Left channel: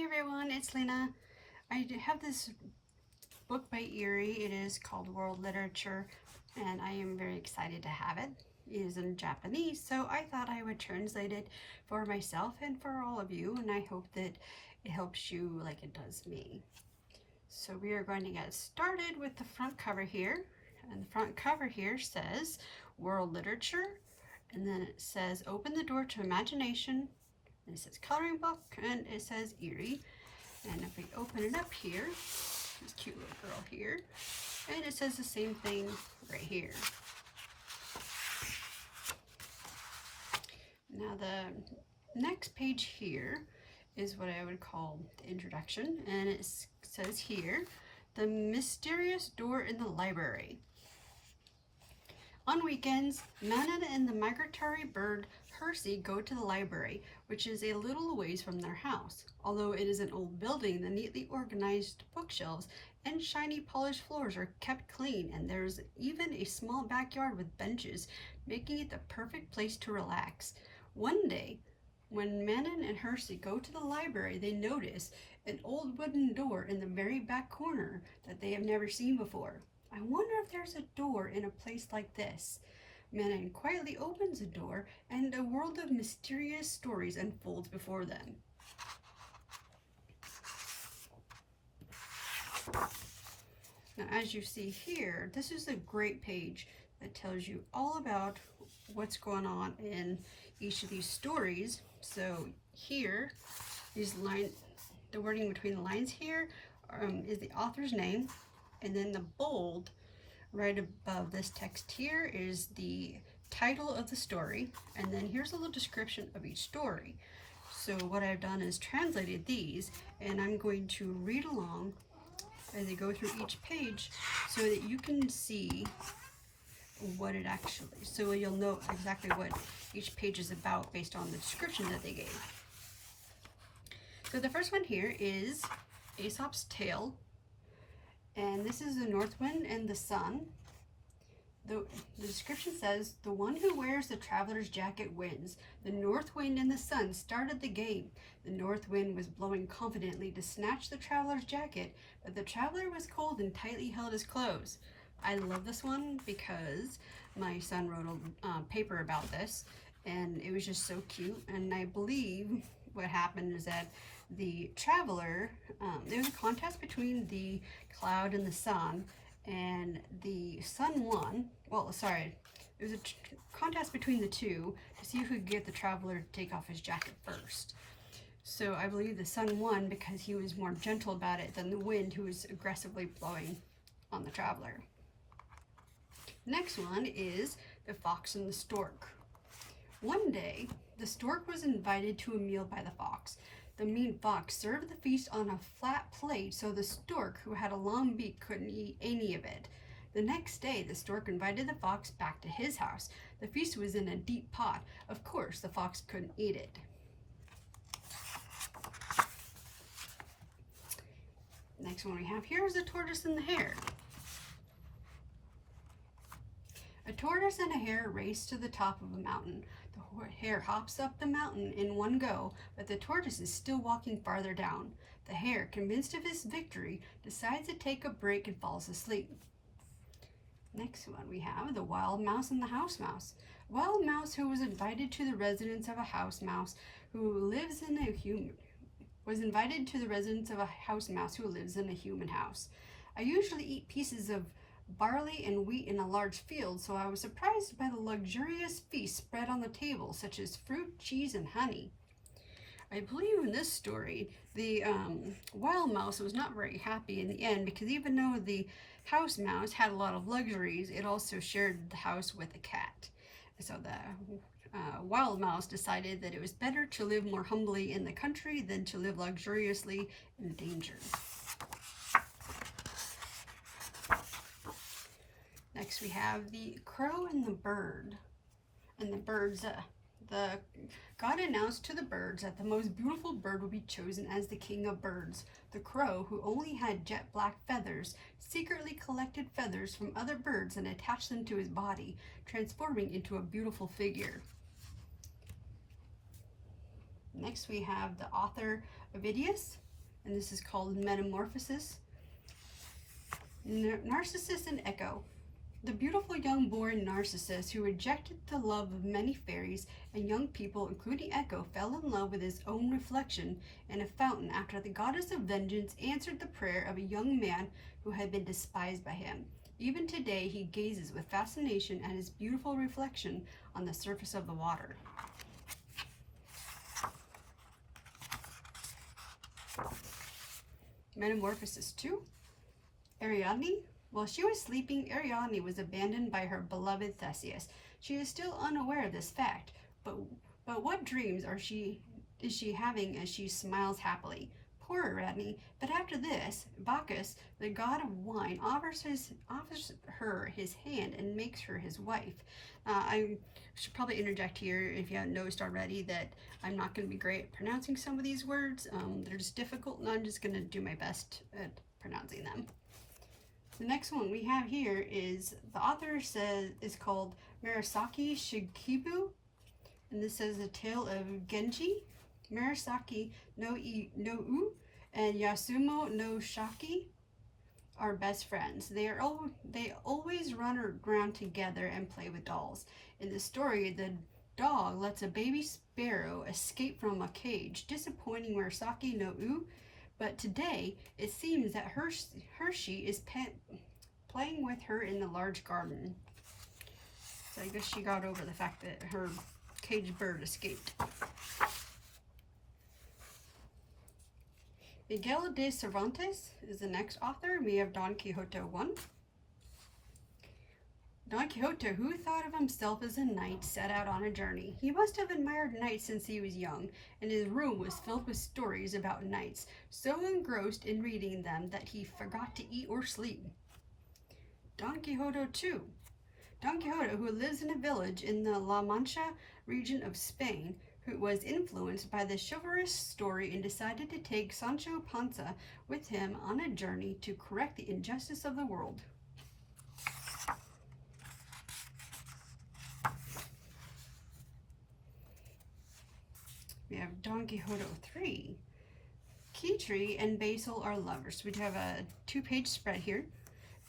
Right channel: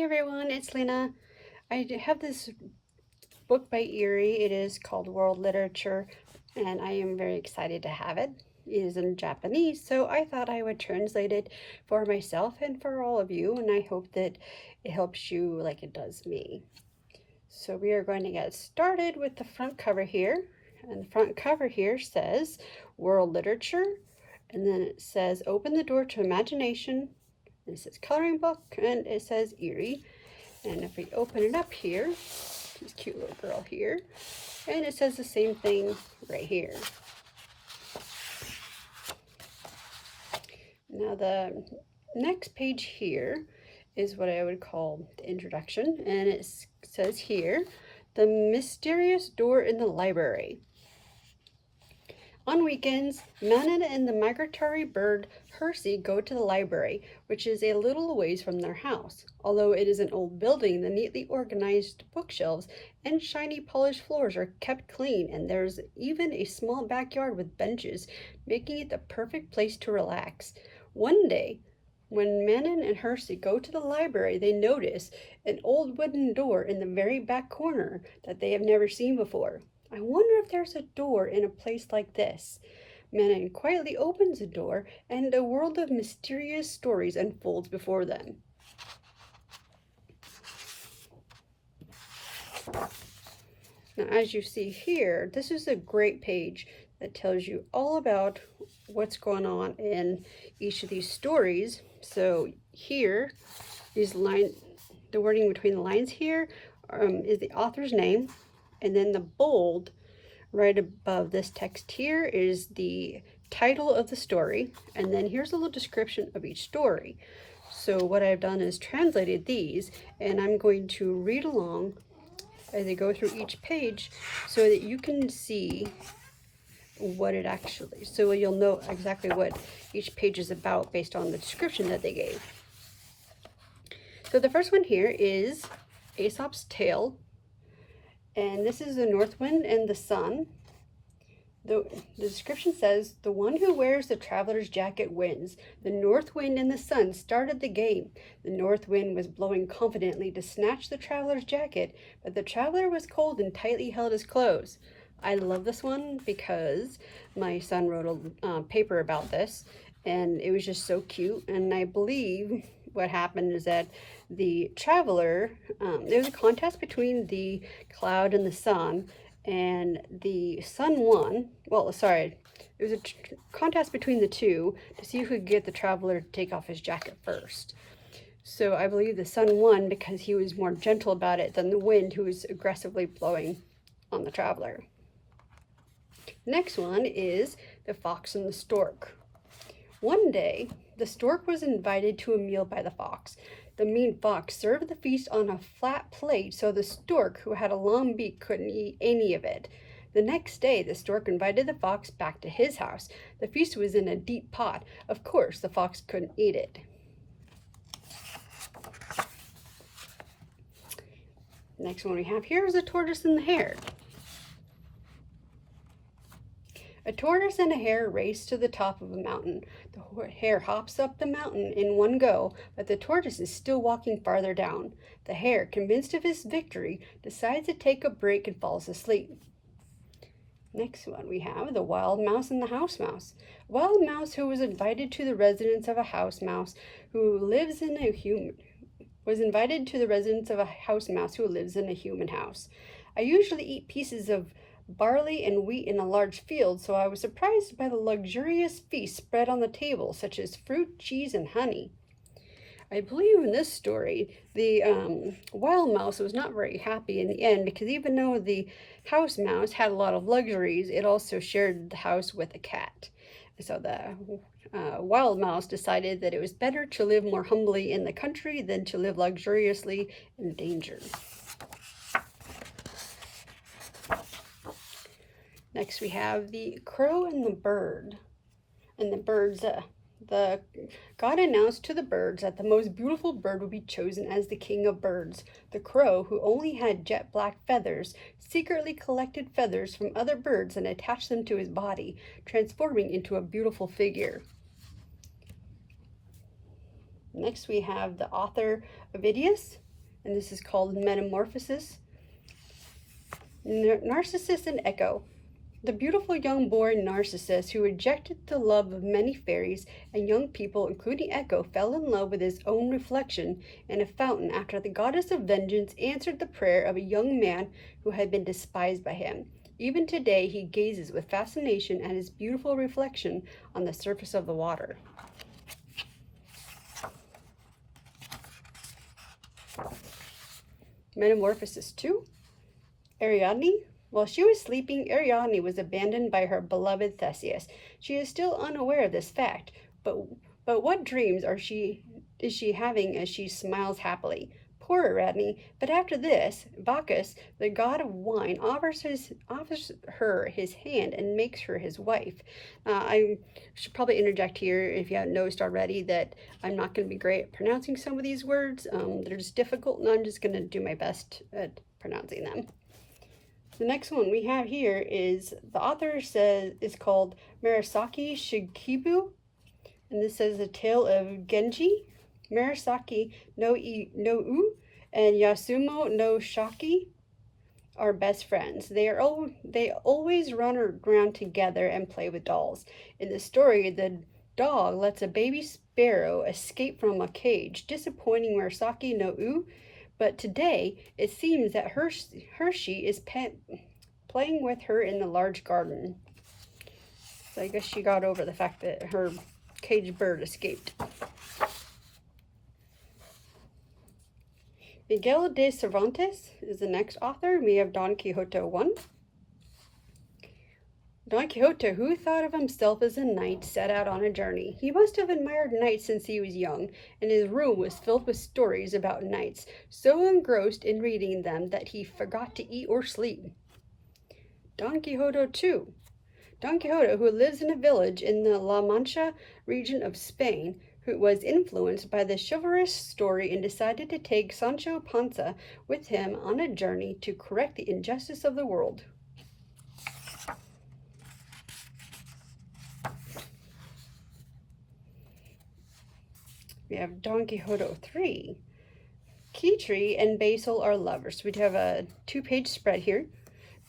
Hi everyone, it's Lena. I have this book by Eriy. It is called World Literature, and I am very excited to have it. It is in Japanese, so I thought I would translate it for myself and for all of you, and I hope that it helps you like it does me. So we are going to get started with the front cover here. And the front cover here says World Literature, and then it says Open the Door to Imagination. It says coloring book, and it says Eriy. And if we open it up here, this cute little girl here, and it says the same thing right here. Now the next page here is what I would call the introduction, and it says here, the mysterious door in the library. On weekends, Manon and the migratory bird Hersey go to the library, which is a little ways from their house. Although it is an old building, the neatly organized bookshelves and shiny polished floors are kept clean, and there's even a small backyard with benches, making it the perfect place to relax. One day, when Manon and Hersey go to the library, they notice an old wooden door in the very back corner that they have never seen before. I wonder if there's a door in a place like this. Manon quietly opens the door, and a world of mysterious stories unfolds before them. Now, as you see here, this is a great page that tells you all about what's going on in each of these stories. So here, these lines, the wording between the lines here is the author's name. And then the bold right above this text here is the title of the story. And then here's a little description of each story. So what I've done is translated these, and I'm going to read along as I go through each page so that you can see what it actually, so you'll know exactly what each page is about based on the description that they gave. So the first one here is Aesop's Tale. And this is the North Wind and the Sun. The description says, the one who wears the traveler's jacket wins. The North Wind and the Sun started the game. The North Wind was blowing confidently to snatch the traveler's jacket, but the traveler was cold and tightly held his clothes. I love this one because my son wrote a paper about this, and it was just so cute. And I believe what happened is that the traveler, there was a contest between the cloud and the sun, and the sun won. Well, sorry, it was a contest between the two to see who could get the traveler to take off his jacket first. So I believe the sun won because he was more gentle about it than the wind, who was aggressively blowing on the traveler. Next one is The Fox and the Stork. One day, the stork was invited to a meal by the fox. The mean fox served the feast on a flat plate, so the stork, who had a long beak, couldn't eat any of it. The next day, the stork invited the fox back to his house. The feast was in a deep pot. Of course, the fox couldn't eat it. Next one we have here is The Tortoise and the Hare. A tortoise and a hare race to the top of a mountain. The hare hops up the mountain in one go, but the tortoise is still walking farther down. The hare, convinced of his victory, decides to take a break and falls asleep. Next one we have The Wild Mouse and the House Mouse. A wild mouse who was invited to the residence of a house mouse who lives in a human house. I usually eat pieces of barley and wheat in a large field, so I was surprised by the luxurious feast spread on the table, such as fruit, cheese, and honey. I believe in this story, the wild mouse was not very happy in the end, because even though the house mouse had a lot of luxuries, it also shared the house with a cat. So the wild mouse decided that it was better to live more humbly in the country than to live luxuriously in danger. Next we have The Crow and the Bird. And the birds, God announced to the birds that the most beautiful bird would be chosen as the king of birds. The crow, who only had jet black feathers, secretly collected feathers from other birds and attached them to his body, transforming into a beautiful figure. Next we have the author of Idias, and this is called Metamorphosis. Narcissus and Echo. The beautiful young boy Narcissus, who rejected the love of many fairies and young people, including Echo, fell in love with his own reflection in a fountain after the goddess of vengeance answered the prayer of a young man who had been despised by him. Even today, he gazes with fascination at his beautiful reflection on the surface of the water. Metamorphosis 2. Ariadne. While she was sleeping, Ariadne was abandoned by her beloved Theseus. She is still unaware of this fact, but what dreams is she having as she smiles happily? Poor Ariadne. But after this, Bacchus, the god of wine, offers her his hand and makes her his wife. I should probably interject here, if you haven't noticed already, that I'm not going to be great at pronouncing some of these words. They're just difficult, and I'm just going to do my best at pronouncing them. The next one we have here is, the author is called Murasaki Shikibu, and this says, A Tale of Genji, Murasaki no U, and Yasumo no Shaki are best friends. They always run around together and play with dolls. In the story, the dog lets a baby sparrow escape from a cage, disappointing Murasaki no U. But today, it seems that Hershey is playing with her in the large garden. So I guess she got over the fact that her caged bird escaped. Miguel de Cervantes is the next author. We have Don Quixote 1. Don Quixote, who thought of himself as a knight, set out on a journey. He must have admired knights since he was young, and his room was filled with stories about knights, so engrossed in reading them that he forgot to eat or sleep. Don Quixote 2. Don Quixote, who lives in a village in the La Mancha region of Spain, who was influenced by the chivalrous story and decided to take Sancho Panza with him on a journey to correct the injustice of the world. We have Don Quixote 3. Keytree and Basil are lovers. We have a 2-page spread here.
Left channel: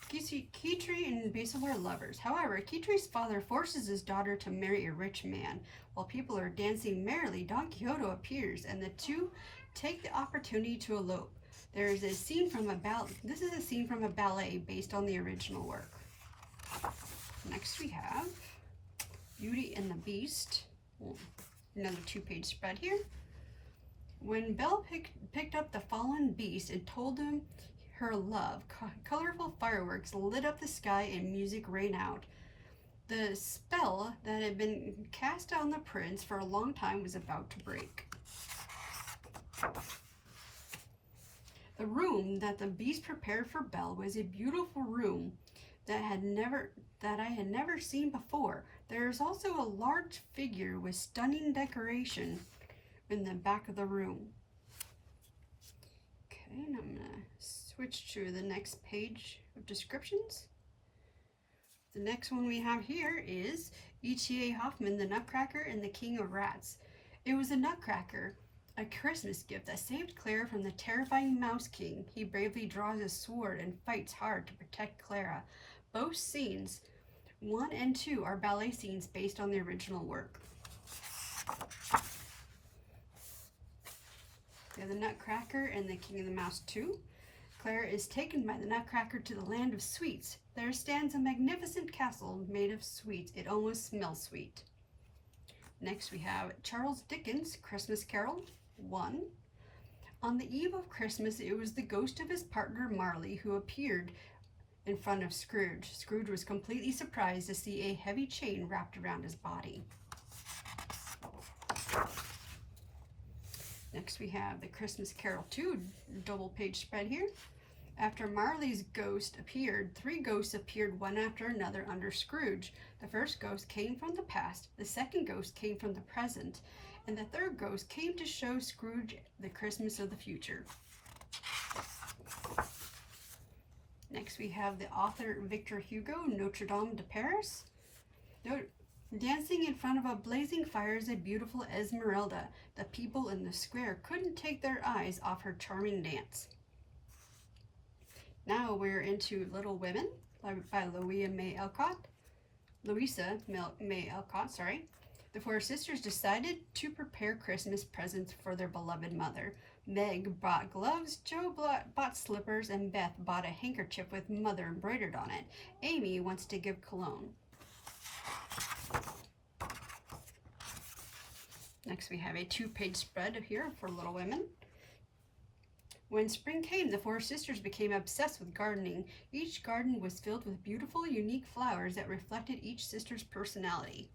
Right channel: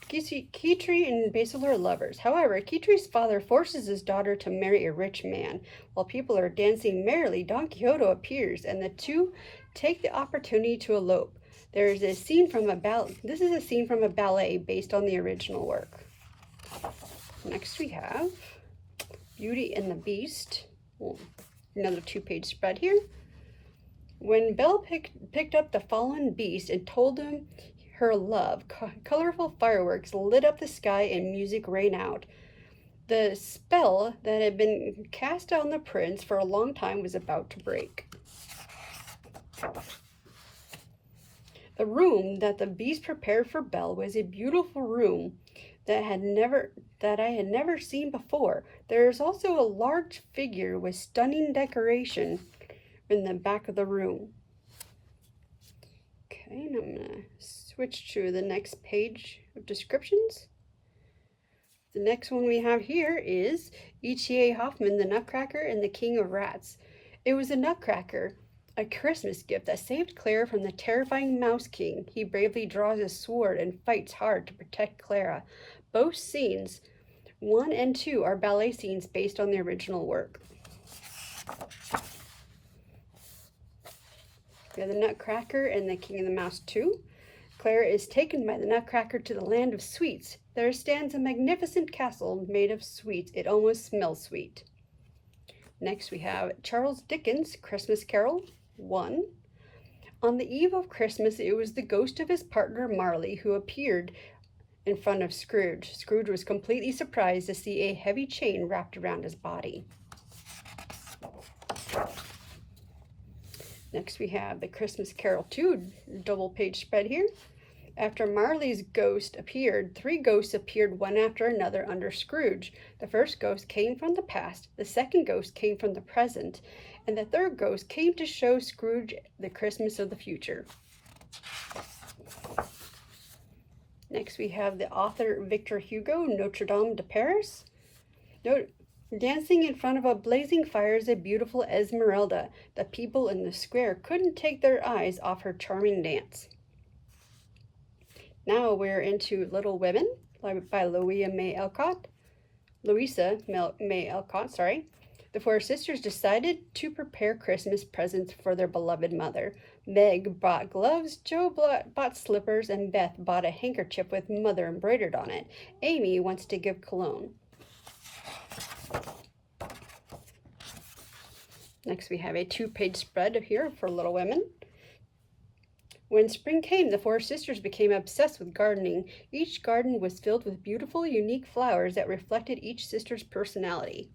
Keytree and Basil are lovers. However, Keytree's father forces his daughter to marry a rich man. While people are dancing merrily, Don Quixote appears, and the two take the opportunity to elope. This is a scene from a ballet based on the original work. Next we have Beauty and the Beast. Another 2-page spread here. When Belle picked up the fallen beast and told him her love, colorful fireworks lit up the sky and music rang out. The spell that had been cast on the prince for a long time was about to break. The room that the beast prepared for Belle was a beautiful room that I had never seen before. There is also a large figure with stunning decoration in the back of the room. Okay, and I'm going to switch to the next page of descriptions. The next one we have here is E.T.A. Hoffmann, the Nutcracker and the King of Rats. It was a nutcracker, a Christmas gift that saved Clara from the terrifying Mouse King. He bravely draws his sword and fights hard to protect Clara. Both scenes, 1 and 2, are ballet scenes based on the original work. We have the Nutcracker and the King of the Mouse 2. Clara is taken by the Nutcracker to the land of sweets. There stands a magnificent castle made of sweets. It almost smells sweet. Next we have Charles Dickens' Christmas Carol 1. On the eve of Christmas, it was the ghost of his partner Marley who appeared in front of Scrooge. Scrooge was completely surprised to see a heavy chain wrapped around his body. Next we have the Christmas Carol 2 double-page spread here. After Marley's ghost appeared, 3 ghosts appeared one after another under Scrooge. The first ghost came from the past, the second ghost came from the present, and the third ghost came to show Scrooge the Christmas of the future. Next we have the author Victor Hugo, Notre Dame de Paris. Dancing in front of a blazing fire is a beautiful Esmeralda. The people in the square couldn't take their eyes off her charming dance. Now we're into Little Women by Louisa May Alcott. The four sisters decided to prepare Christmas presents for their beloved mother. Meg bought gloves, Jo bought slippers, and Beth bought a handkerchief with mother embroidered on it. Amy wants to give cologne. Next we have a 2-page spread here for Little Women. When spring came, the four sisters became obsessed with gardening. Each garden was filled with beautiful, unique flowers that reflected each sister's personality.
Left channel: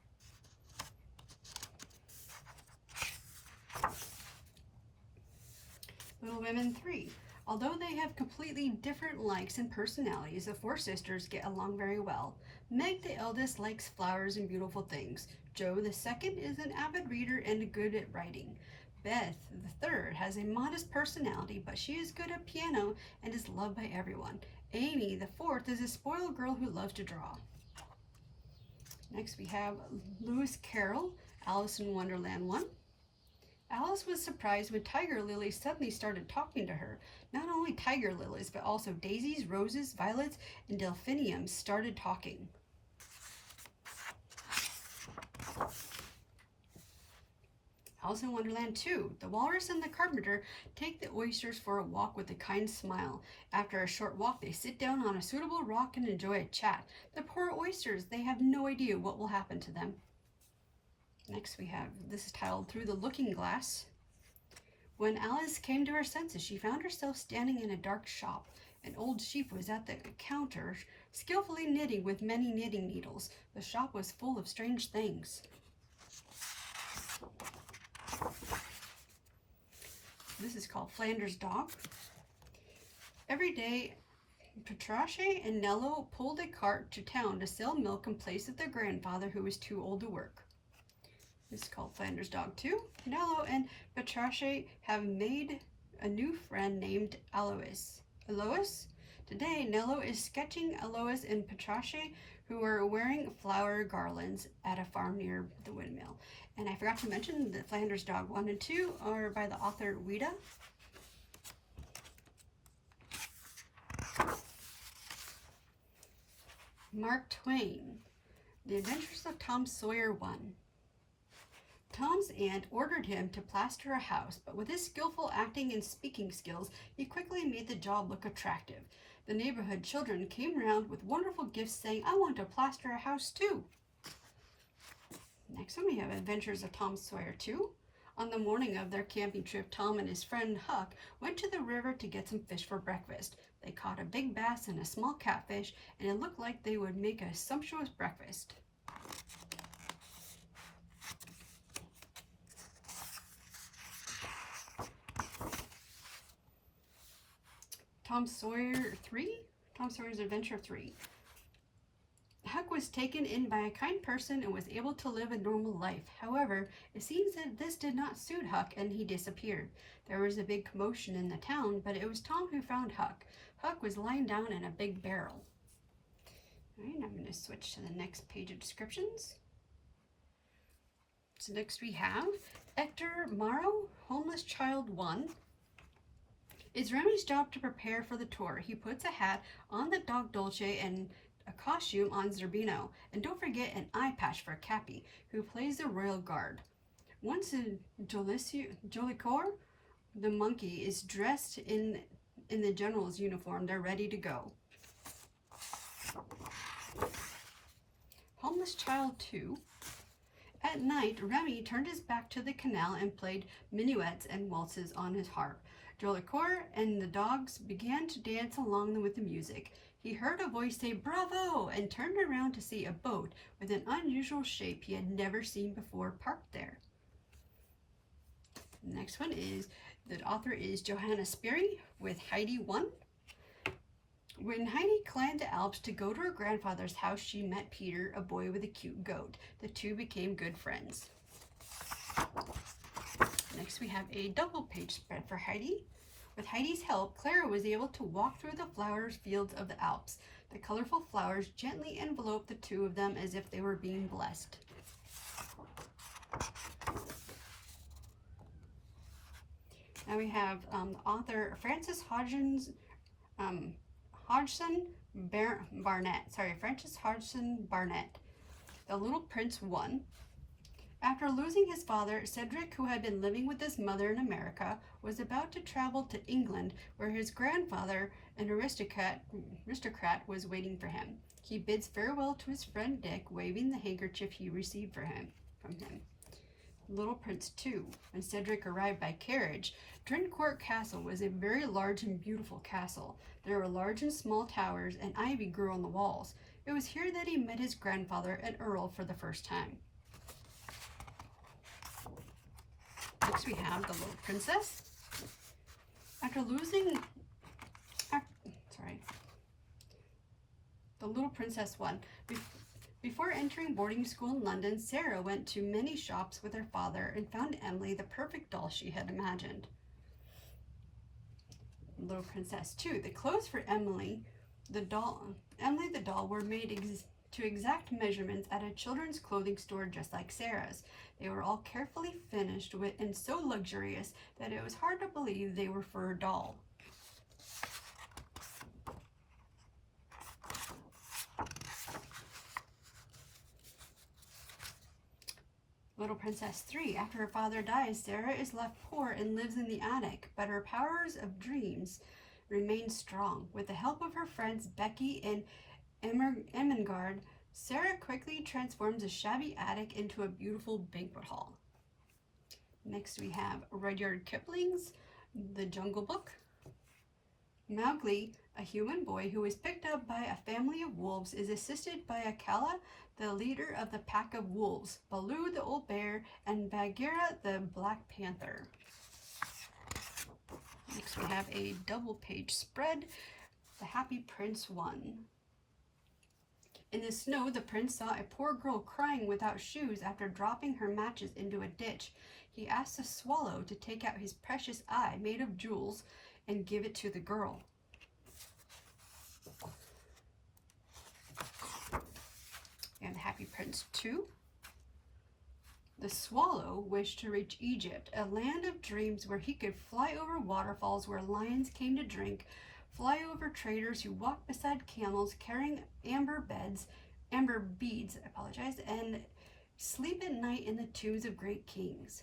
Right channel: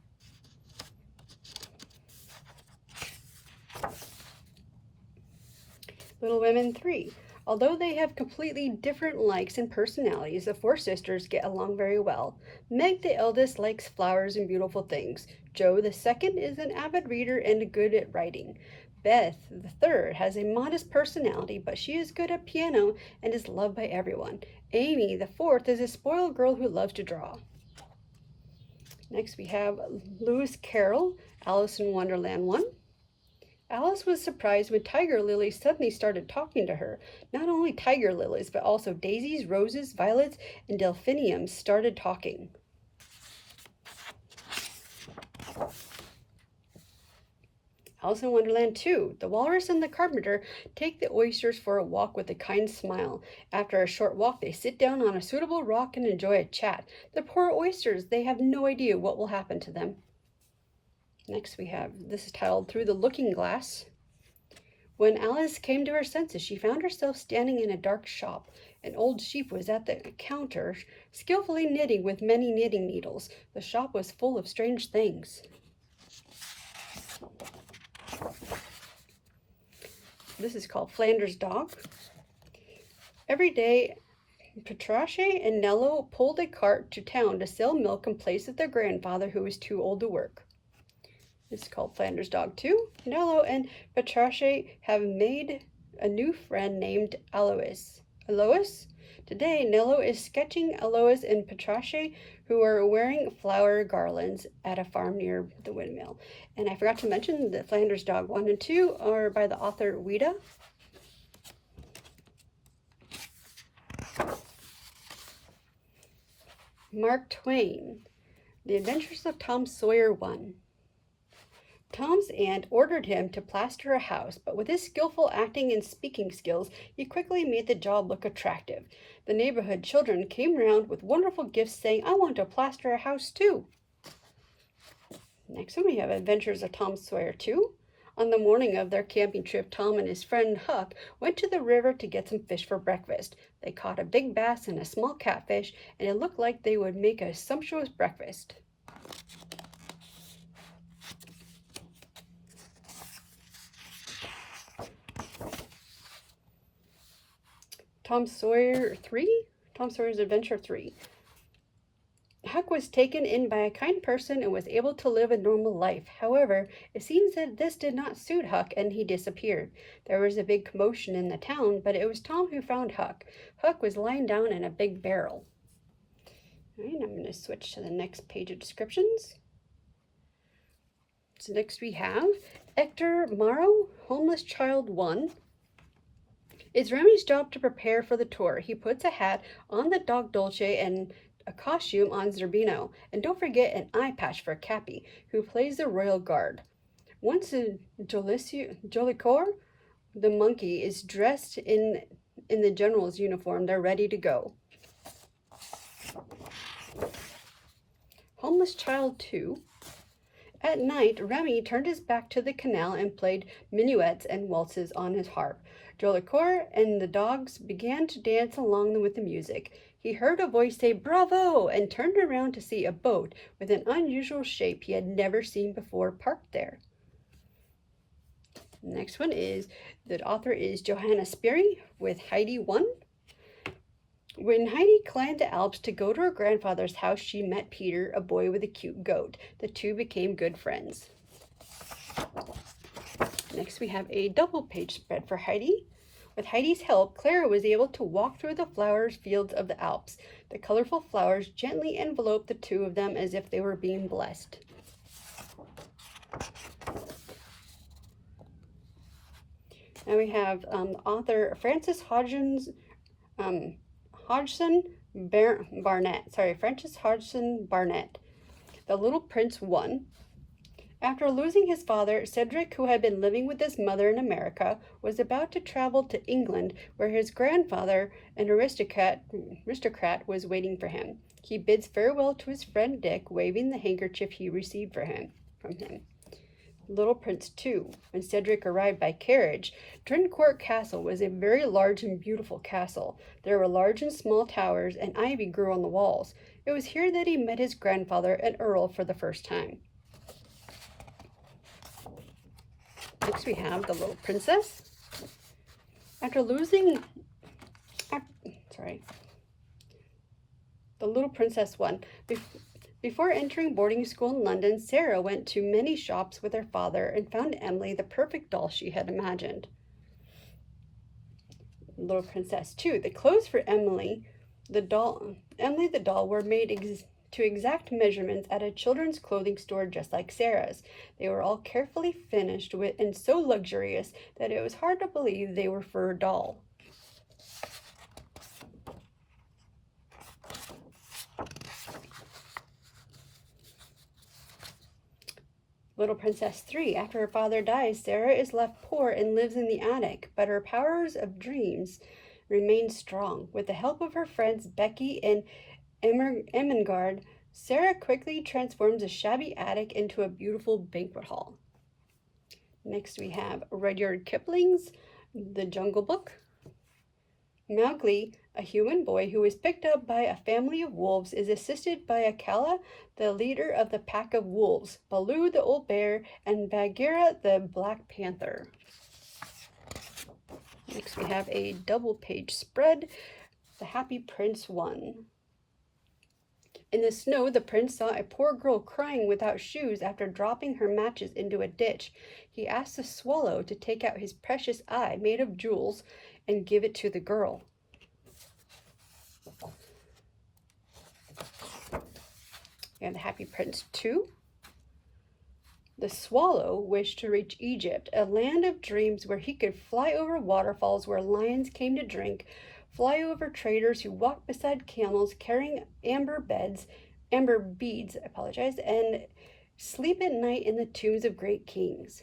Little Women 3. Although they have completely different likes and personalities, the four sisters get along very well. Meg, the eldest, likes flowers and beautiful things. Jo, the second, is an avid reader and good at writing. Beth, the third, has a modest personality, but she is good at piano and is loved by everyone. Amy, the fourth, is a spoiled girl who loves to draw. Next we have Lewis Carroll, Alice in Wonderland 1. Alice was surprised when tiger lilies suddenly started talking to her. Not only tiger lilies, but also daisies, roses, violets, and delphiniums started talking. Alice in Wonderland 2. The walrus and the carpenter take the oysters for a walk with a kind smile. After a short walk, they sit down on a suitable rock and enjoy a chat. The poor oysters, they have no idea what will happen to them. Next we have, this is titled Through the Looking Glass. When Alice came to her senses, she found herself standing in a dark shop. An old sheep was at the counter, skillfully knitting with many knitting needles. The shop was full of strange things. This is called Flanders Dog. Every day, Patrache and Nello pulled a cart to town to sell milk in place of their grandfather who was too old to work. This is called Flanders Dog 2. Nello and Patrache have made a new friend named Alois. Today, Nello is sketching Alois and Patrache, who are wearing flower garlands at a farm near the windmill. And I forgot to mention that Flanders Dog 1 and 2 are by the author Ouida. Mark Twain, The Adventures of Tom Sawyer 1. Tom's aunt ordered him to plaster a house, but with his skillful acting and speaking skills, he quickly made the job look attractive. The neighborhood children came round with wonderful gifts saying, "I want to plaster a house too." Next one we have Adventures of Tom Sawyer 2. On the morning of their camping trip, Tom and his friend Huck went to the river to get some fish for breakfast. They caught a big bass and a small catfish, and it looked like they would make a sumptuous breakfast. Tom Sawyer 3? Tom Sawyer's Adventure 3. Huck was taken in by a kind person and was able to live a normal life. However, it seems that this did not suit Huck and he disappeared. There was a big commotion in the town, but it was Tom who found Huck. Huck was lying down in a big barrel. All right, I'm going to switch to the next page of descriptions. So next we have Hector Morrow, Homeless Child 1. It's Remy's job to prepare for the tour. He puts a hat on the dog Dolce and a costume on Zerbino. And don't forget an eye patch for Cappy, who plays the royal guard. Once Jolicoeur, the monkey, is dressed in the general's uniform, they're ready to go. Homeless Child 2. At night, Remy turned his back to the canal and played minuets and waltzes on his harp. Jolicoeur and the dogs began to dance along with the music. He heard a voice say, "Bravo!" and turned around to see a boat with an unusual shape he had never seen before parked there. The next one is, the author is Johanna Sperry with Heidi 1. When Heidi climbed the Alps to go to her grandfather's house, she met Peter, a boy with a cute goat. The two became good friends. Next we have a double-page spread for Heidi. With Heidi's help, Clara was able to walk through the flower fields of the Alps. The colorful flowers gently enveloped the two of them as if they were being blessed. Now we have author Frances Hodgson Barnett. Sorry, Frances Hodgson Barnett. The Little Prince 1. After losing his father, Cedric, who had been living with his mother in America, was about to travel to England, where his grandfather, an aristocrat, was waiting for him. He bids farewell to his friend Dick, waving the handkerchief he received from him. Little Prince 2. When Cedric arrived by carriage, Drincourt Castle was a very large and beautiful castle. There were large and small towers, and ivy grew on the walls. It was here that he met his grandfather, an earl, for the first time. Next we have The Little Princess. The Little Princess 1. Before entering boarding school in London, Sarah went to many shops with her father and found Emily the perfect doll she had imagined. Little Princess 2. The clothes for Emily the doll were made to exact measurements at a children's clothing store just like Sarah's. They were all carefully finished and so luxurious that it was hard to believe they were for a doll. Little Princess 3. After her father dies, Sarah is left poor and lives in the attic, but her powers of dreams remain strong. With the help of her friends Becky and Ermengarde, Sarah quickly transforms a shabby attic into a beautiful banquet hall. Next we have Rudyard Kipling's The Jungle Book. Mowgli, a human boy who is picked up by a family of wolves, is assisted by Akela, the leader of the pack of wolves, Baloo the old bear, and Bagheera the black panther. Next we have a double-page spread, The Happy Prince 1. In the snow, the prince saw a poor girl crying without shoes after dropping her matches into a ditch. He asked the swallow to take out his precious eye made of jewels and give it to the girl. And The Happy Prince 2. The swallow wished to reach Egypt, a land of dreams where he could fly over waterfalls where lions came to drink, fly over traders who walked beside camels carrying amber beads, and sleep at night in the tombs of great kings.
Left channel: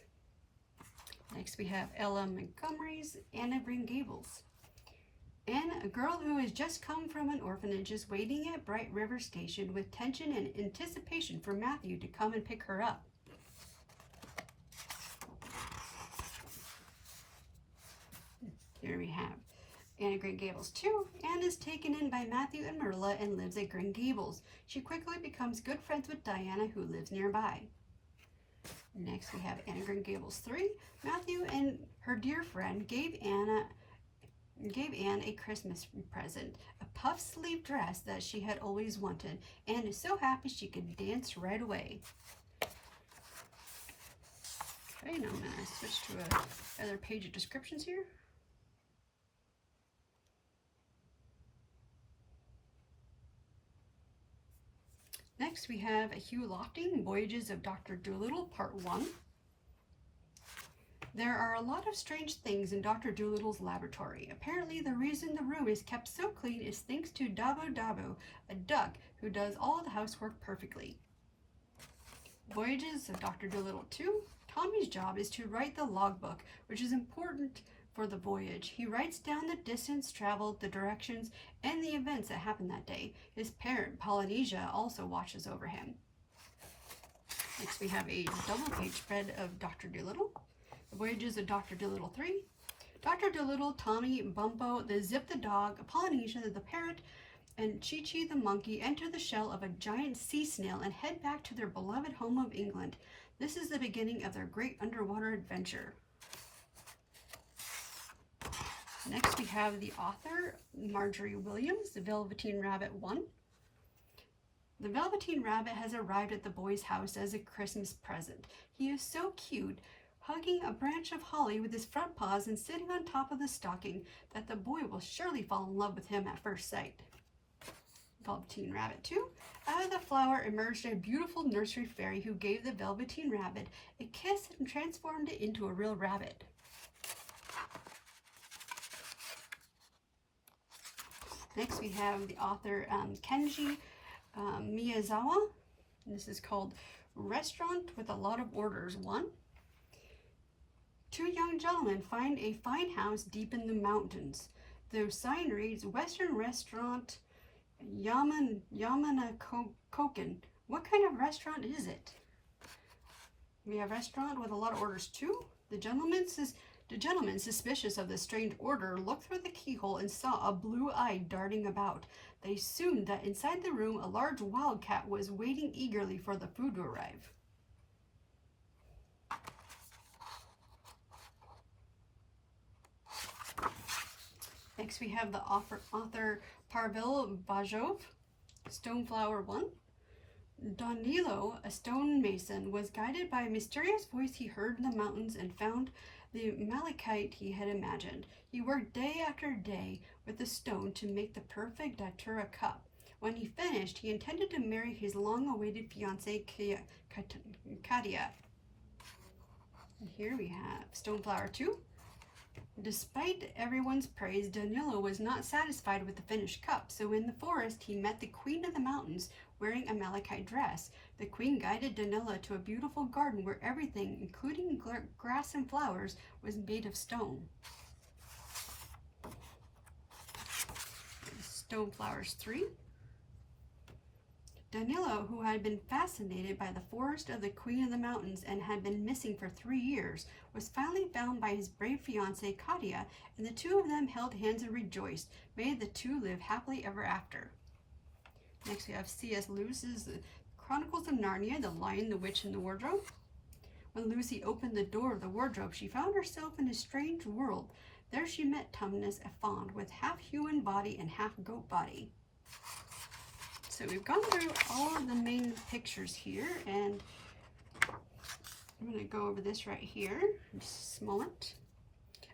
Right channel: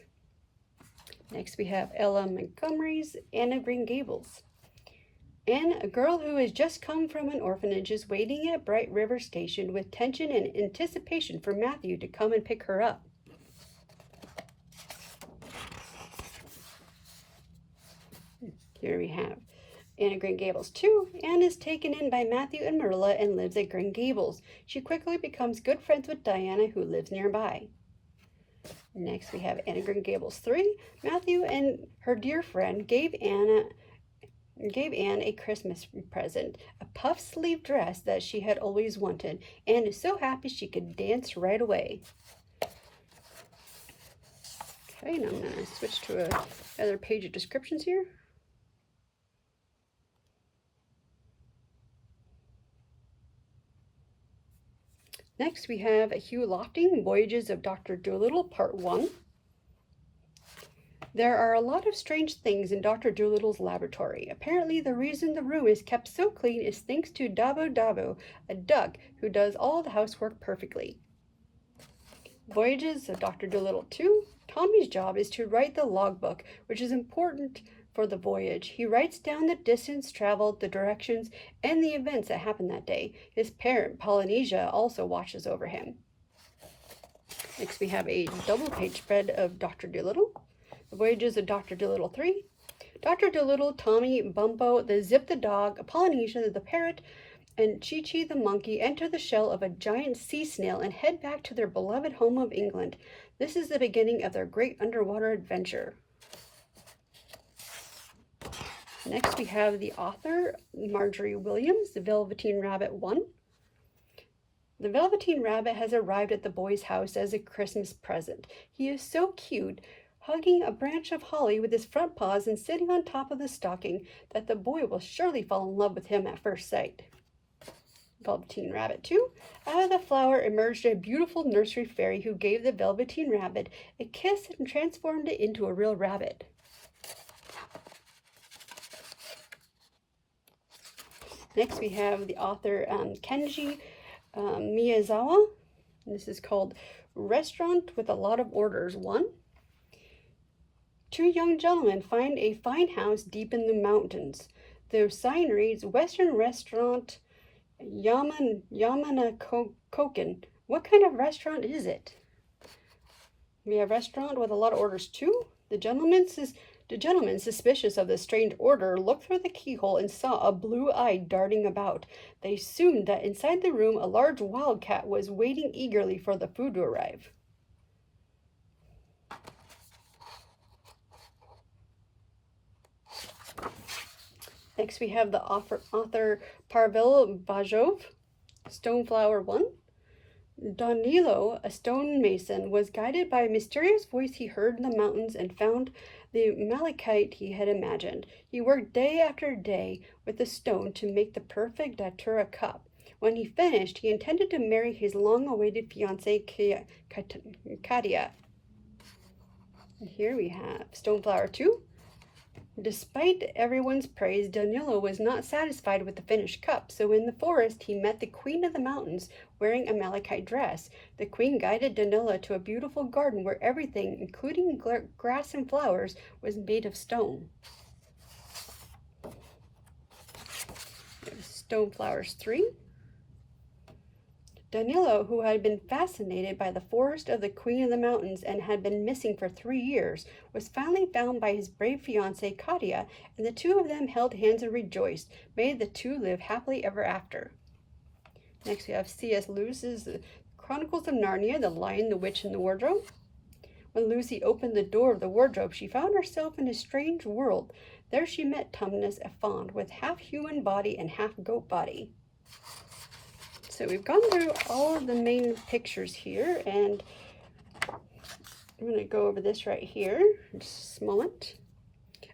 Next we have Ella Montgomery's Anne of Green Gables. Anne, a girl who has just come from an orphanage, is waiting at Bright River Station with tension and anticipation for Matthew to come and pick her up. Here we have Anne of Green Gables 2. Anne is taken in by Matthew and Marilla and lives at Green Gables. She quickly becomes good friends with Diana, who lives nearby. Next we have Anne of Green Gables 3. Matthew and her dear friend gave Anne a Christmas present, a puff-sleeve dress that she had always wanted. Anne is so happy she could dance right away. Okay, now I'm going to switch to another page of descriptions here. Next, we have Hugh Lofting, Voyages of Dr. Dolittle, Part 1. There are a lot of strange things in Dr. Dolittle's laboratory. Apparently, the reason the room is kept so clean is thanks to Dabo Dabo, a duck who does all the housework perfectly. Voyages of Dr. Dolittle 2. Tommy's job is to write the logbook, which is important for the voyage. He writes down the distance traveled, the directions, and the events that happened that day. His parent, Polynesia, also watches over him. Next, we have a double-page spread of Dr. Dolittle. The Voyages of Dr. Dolittle 3. Dr. Dolittle, Tommy, Bumpo, the Zip the dog, Polynesia the parrot, and Chi-Chi the monkey enter the shell of a giant sea snail and head back to their beloved home of England. This is the beginning of their great underwater adventure. Next, we have the author, Marjorie Williams, The Velveteen Rabbit 1. The Velveteen Rabbit has arrived at the boy's house as a Christmas present. He is so cute, hugging a branch of holly with his front paws and sitting on top of the stocking, that the boy will surely fall in love with him at first sight. Velveteen Rabbit 2. Out of the flower emerged a beautiful nursery fairy who gave the Velveteen Rabbit a kiss and transformed it into a real rabbit. Next we have the author Kenji Miyazawa. This is called Restaurant with a Lot of Orders 1. Two young gentlemen find a fine house deep in the mountains. The sign reads, Western Restaurant Yamanakoken. What kind of restaurant is it? We have restaurant with a lot of orders 2. The gentleman, suspicious of the strange order, looked through the keyhole and saw a blue eye darting about. They assumed that inside the room a large wildcat was waiting eagerly for the food to arrive. Next we have the author Pavel Bajov, Stoneflower 1. Danilo, a stonemason, was guided by a mysterious voice he heard in the mountains and found the malachite he had imagined. He worked day after day with the stone to make the perfect datura cup. When he finished, he intended to marry his long-awaited fiancée, Katia. And here we have Stoneflower 2. Despite everyone's praise, Danilo was not satisfied with the finished cup, so in the forest he met the Queen of the Mountains wearing a malachite dress. The Queen guided Danilo to a beautiful garden where everything, including grass and flowers, was made of stone. Stoneflowers 3. Danilo, who had been fascinated by the forest of the Queen of the Mountains and had been missing for 3 years, was finally found by his brave fiancée, Katia, and the two of them held hands and rejoiced. May the two live happily ever after. Next we have C.S. Lewis's Chronicles of Narnia, The Lion, the Witch, and the Wardrobe. When Lucy opened the door of the wardrobe, she found herself in a strange world. There she met Tumnus, a fawn with half-human body and half-goat body. So we've gone through all of the main pictures here, and I'm going to go over this right here in just a moment.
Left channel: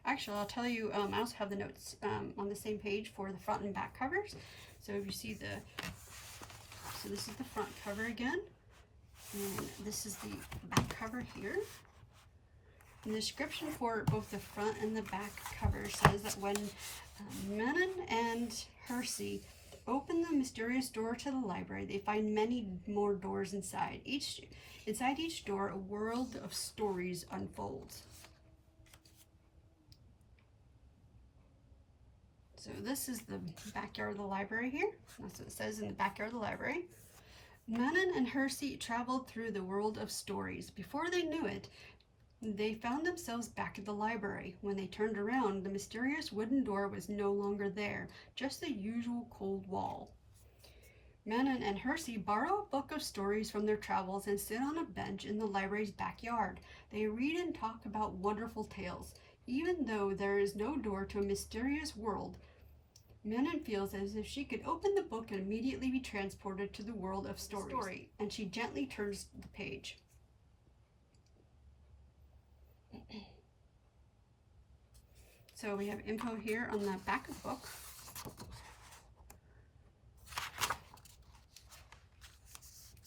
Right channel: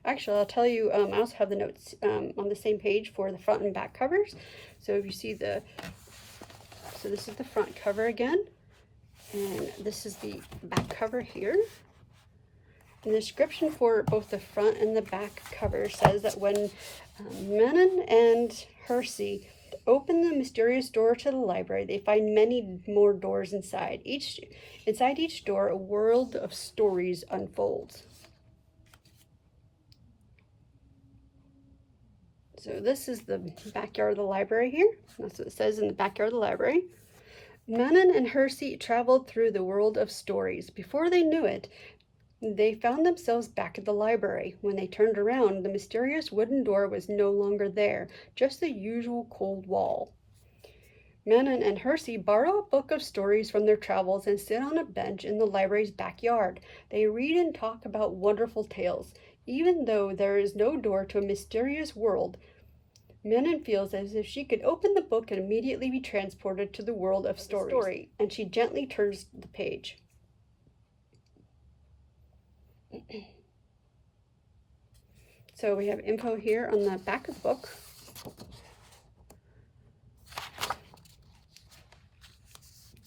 Actually, I'll tell you, I also have the notes on the same page for the front and back covers. So if you see so this is the front cover again, and this is the back cover here. The description for both the front and the back cover says that when Menon and Hersey open the mysterious door to the library, they find many more doors inside. Inside each door, a world of stories unfolds. So this is the backyard of the library here. That's what it says in the backyard of the library. Menon and Hersey traveled through the world of stories. Before they knew it, they found themselves back at the library. When they turned around, the mysterious wooden door was no longer there, just the usual cold wall. Menon and Hersey borrow a book of stories from their travels and sit on a bench in the library's backyard. They read and talk about wonderful tales. Even though there is no door to a mysterious world, Menon feels as if she could open the book and immediately be transported to the world of stories. And she gently turns the page. So we have info here on the back of the book.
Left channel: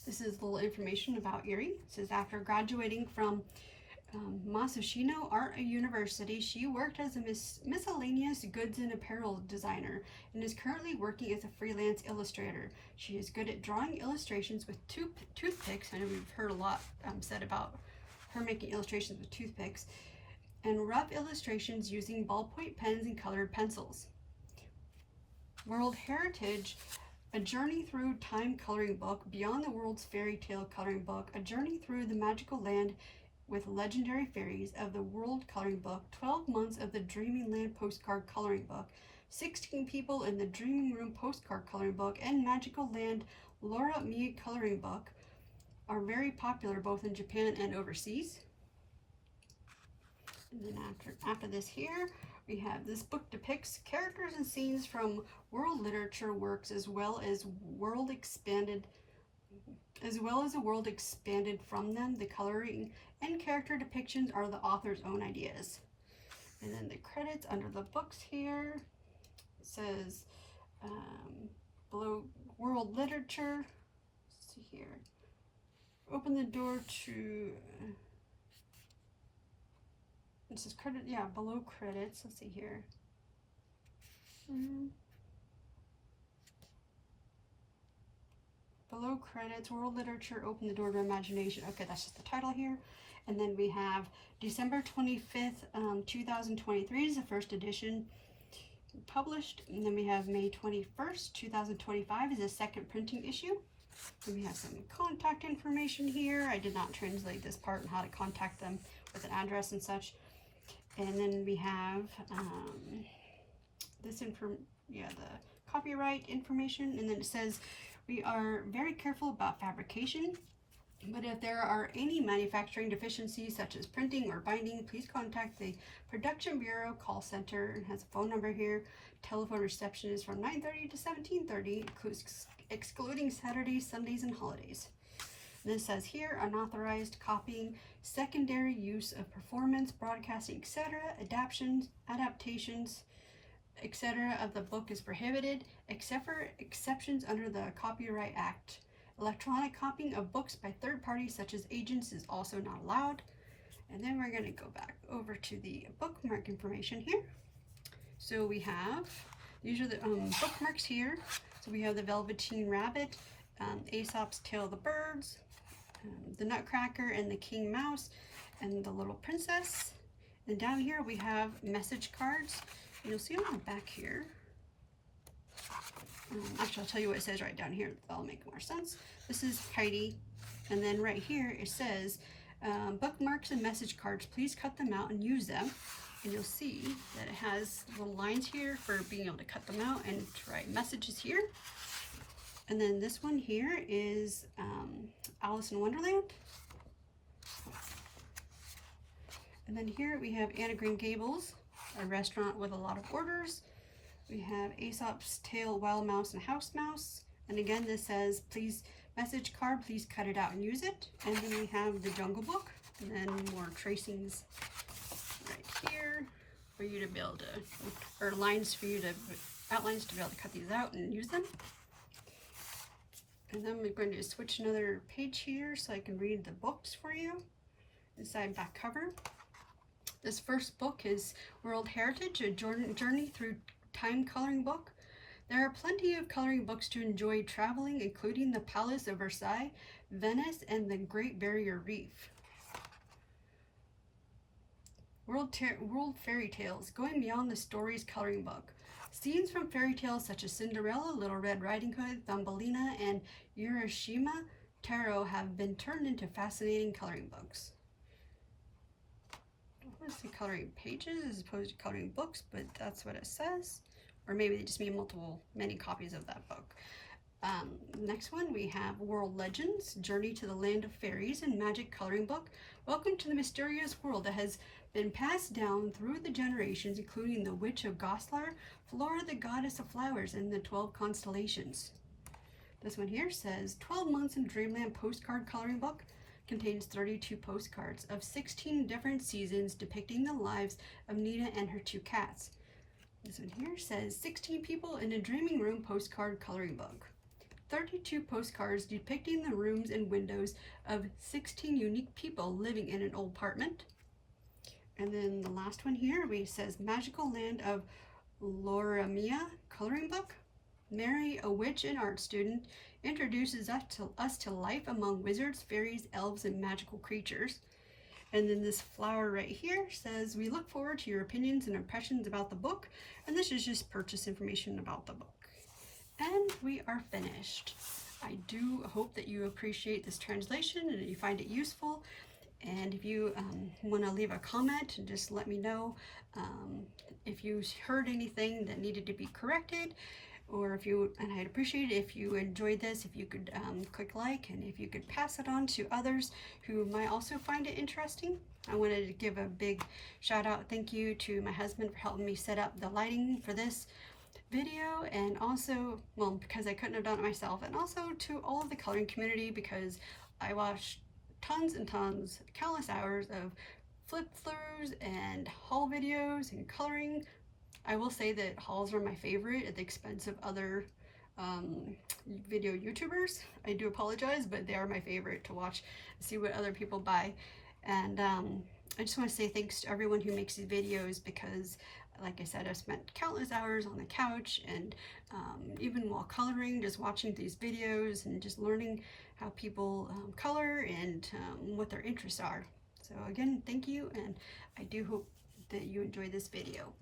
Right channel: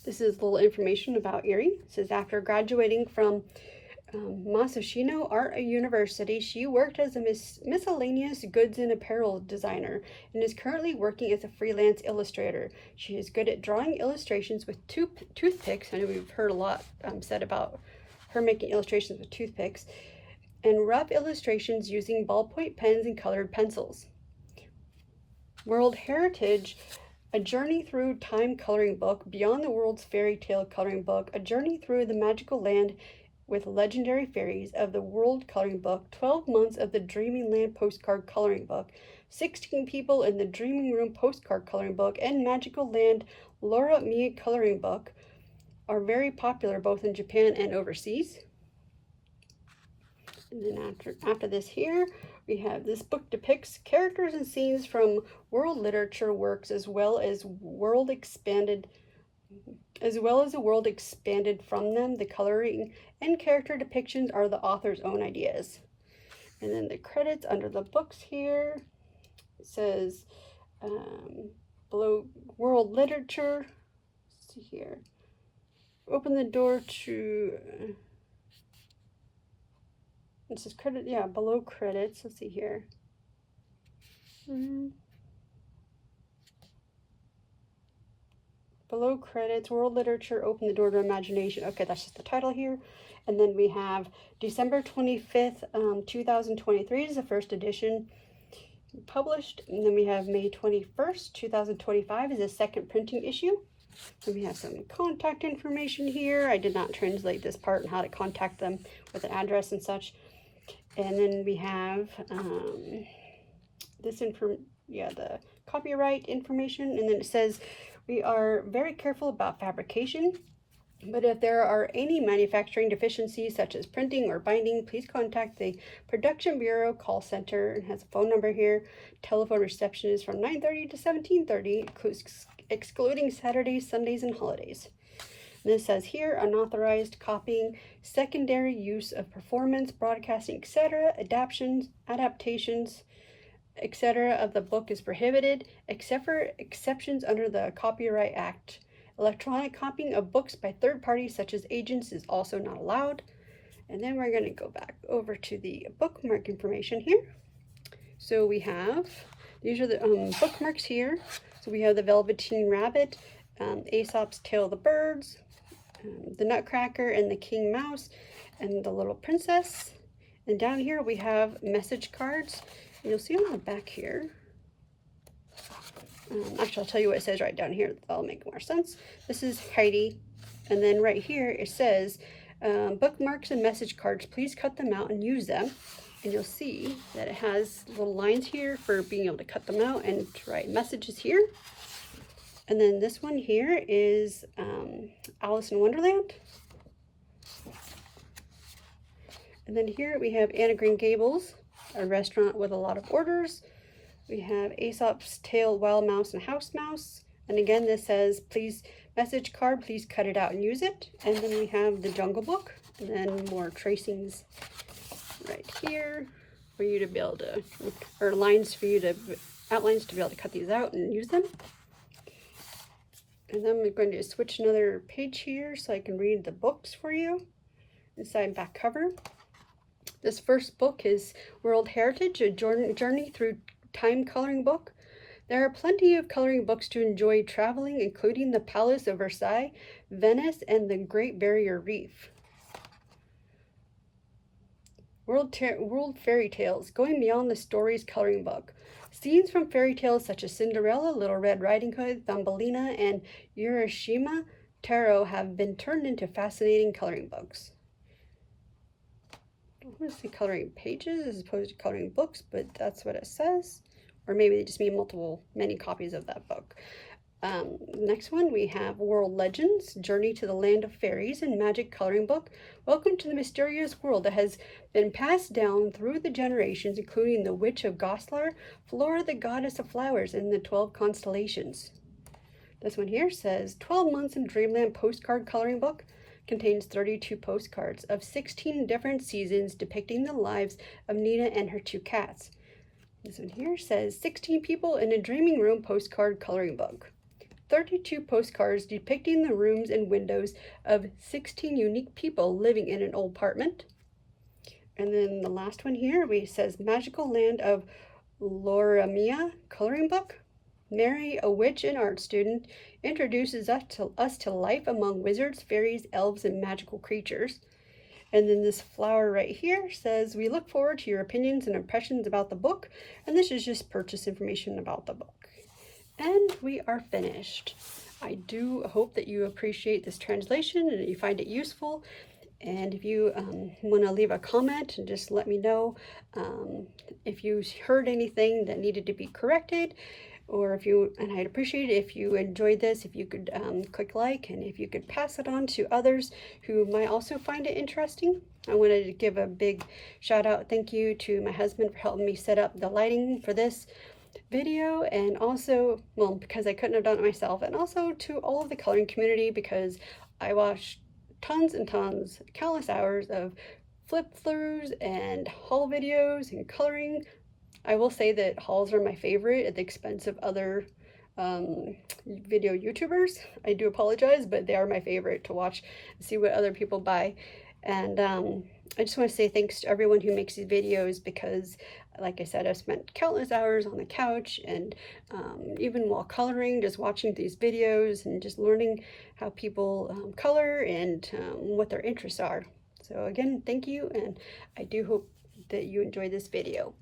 This is a little information about Eriy. It says after graduating from Masashino Art University, she worked as a miscellaneous goods and apparel designer and is currently working as a freelance illustrator. She is good at drawing illustrations with toothpicks. I know we've heard a lot said about her making illustrations with toothpicks, and rough illustrations using ballpoint pens and colored pencils. World Heritage, A Journey Through Time Coloring Book, Beyond the World's Fairy Tale Coloring Book, A Journey Through the Magical Land with Legendary Fairies of the World Coloring Book, 12 Months of the Dreaming Land Postcard Coloring Book, 16 People in the Dreaming Room Postcard Coloring Book, and Magical Land Laura Mia Coloring Book are very popular both in Japan and overseas. And then after this here, we have this book depicts characters and scenes from world literature works as well as the world expanded from them. The coloring and character depictions are the author's own ideas. And then the credits under the books here, it says below World Literature. Let's see here. Open the door to, this is credit, yeah, below credits. Let's see here. below credits, World Literature, Open the Door to Imagination. Okay, that's just the title here. And then we have December 25th, 2023 is the first edition published. And then we have May 21st, 2025 is the second printing issue. And we have some contact information here. I did not translate this part and how to contact them with an address and such. And then we have the copyright information. And then it says, we are very careful about fabrication, but if there are any manufacturing deficiencies such as printing or binding, please contact the Production Bureau call center. It has a phone number here. Telephone reception is from 9:30 to 17:30, excluding Saturdays, Sundays, and holidays. And it says here, unauthorized copying, secondary use of performance, broadcasting, etc., adaptations, etc. of the book is prohibited, except for exceptions under the Copyright Act. Electronic copying of books by third parties such as agents is also not allowed. And then we're going to go back over to the bookmark information here. So we have, these are the bookmarks here. So we have the Velveteen Rabbit, Aesop's Tale of the Birds, the Nutcracker and the King Mouse, and the Little Princess. And down here we have message cards. You'll see on the back here, actually I'll tell you what it says right down here, that'll make more sense. This is Heidi, and then right here it says, bookmarks and message cards, please cut them out and use them. And you'll see that it has little lines here for being able to cut them out and write messages here. And then this one here is Alice in Wonderland. And then here we have Anne of Green Gables, a restaurant with a lot of orders. We have Aesop's Tale, Wild Mouse and House Mouse. And again, this says, please, message card, please cut it out and use it. And then we have the Jungle Book, and then more tracings right here for you to be able to, or lines for you to, outlines to be able to cut these out and use them. And then we're going to switch another page here so I can read the books for you. Inside and back cover. This first book is World Heritage, a journey through time coloring book. There are plenty of coloring books to enjoy traveling, including the Palace of Versailles, Venice, and the Great Barrier Reef. World Fairy Tales, Going Beyond the Stories coloring book. Scenes from fairy tales such as Cinderella, Little Red Riding Hood, Thumbelina, and Urashima Taro have been turned into fascinating coloring books. I want to see coloring pages as opposed to coloring books, but that's what it says. Or maybe they just mean many copies of that book. Next one, we have World Legends, Journey to the Land of Fairies and Magic coloring book. Welcome to the mysterious world that has been passed down through the generations, including the Witch of Goslar, Flora the Goddess of Flowers, and the 12 Constellations. This one here says 12 Months in Dreamland postcard coloring book. Contains 32 postcards of 16 different seasons depicting the lives of Nina and her 2 cats. This one here says 16 people in a dreaming room postcard coloring book. 32 postcards depicting the rooms and windows of 16 unique people living in an old apartment. And then the last one here says Magical Land of Loramia coloring book. Mary, a witch and art student, introduces us to life among wizards, fairies, elves, and magical creatures. And then this flower right here says, we look forward to your opinions and impressions about the book. And this is just purchase information about the book. And we are finished. I do hope that you appreciate this translation and that you find it useful. And if you want to leave a comment and just let me know if you heard anything that needed to be corrected, or and I'd appreciate it if you enjoyed this, if you could click like, and if you could pass it on to others who might also find it interesting. I wanted to give a big shout out, thank you to my husband for helping me set up the lighting for this video, and also, well, because I couldn't have done it myself, and also to all of the coloring community, because I watched tons and tons, countless hours of flip-throughs and haul videos and coloring. I will say that hauls are my favorite at the expense of other video YouTubers. I do apologize, but they are my favorite to watch and see what other people buy. And I just want to say thanks to everyone who makes these videos, because Like I said, I've spent countless hours on the couch and even while coloring, just watching these videos and just learning how people color and what their interests are. So again, thank you, and I do hope that you enjoy this video.